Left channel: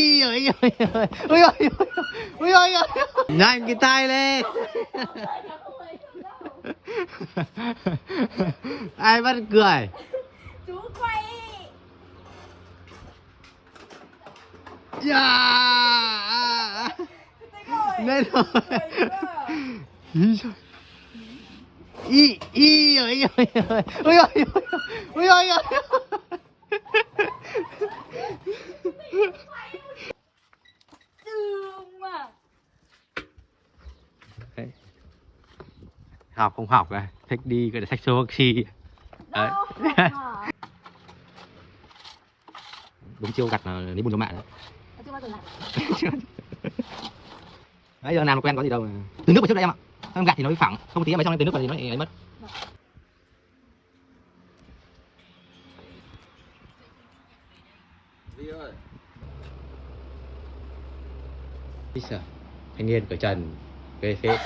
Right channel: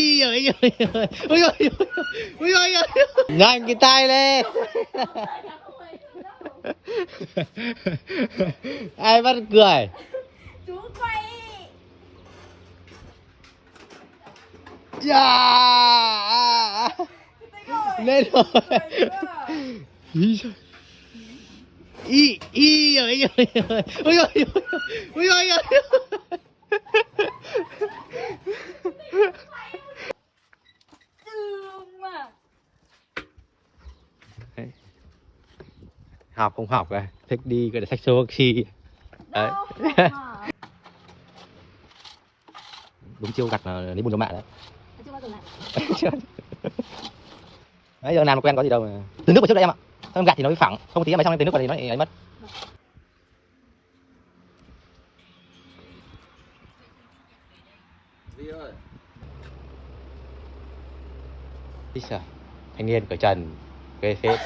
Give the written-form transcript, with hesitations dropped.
Ui ơi ơi ui ơi ui ơi nhanh cái tay lên. Ai bắt cười. Chú quay. Yeah. Rồi. Lên rồi. Y ơi ơi ui ơi ui ơi học không học rồi thích đi cái sách số taxi đấy. Đúng chưa đặt lấy bùn cho mạng đấy. Đấy giờ làm quen có gì đâu mà. Từ nước vào trước đây em ạ, không gạt thì nó bị phẳng, không tí em xong em từ nước vào thì nó ấy mất. Gì ơi? Thanh niên cởi trần, ghê phết.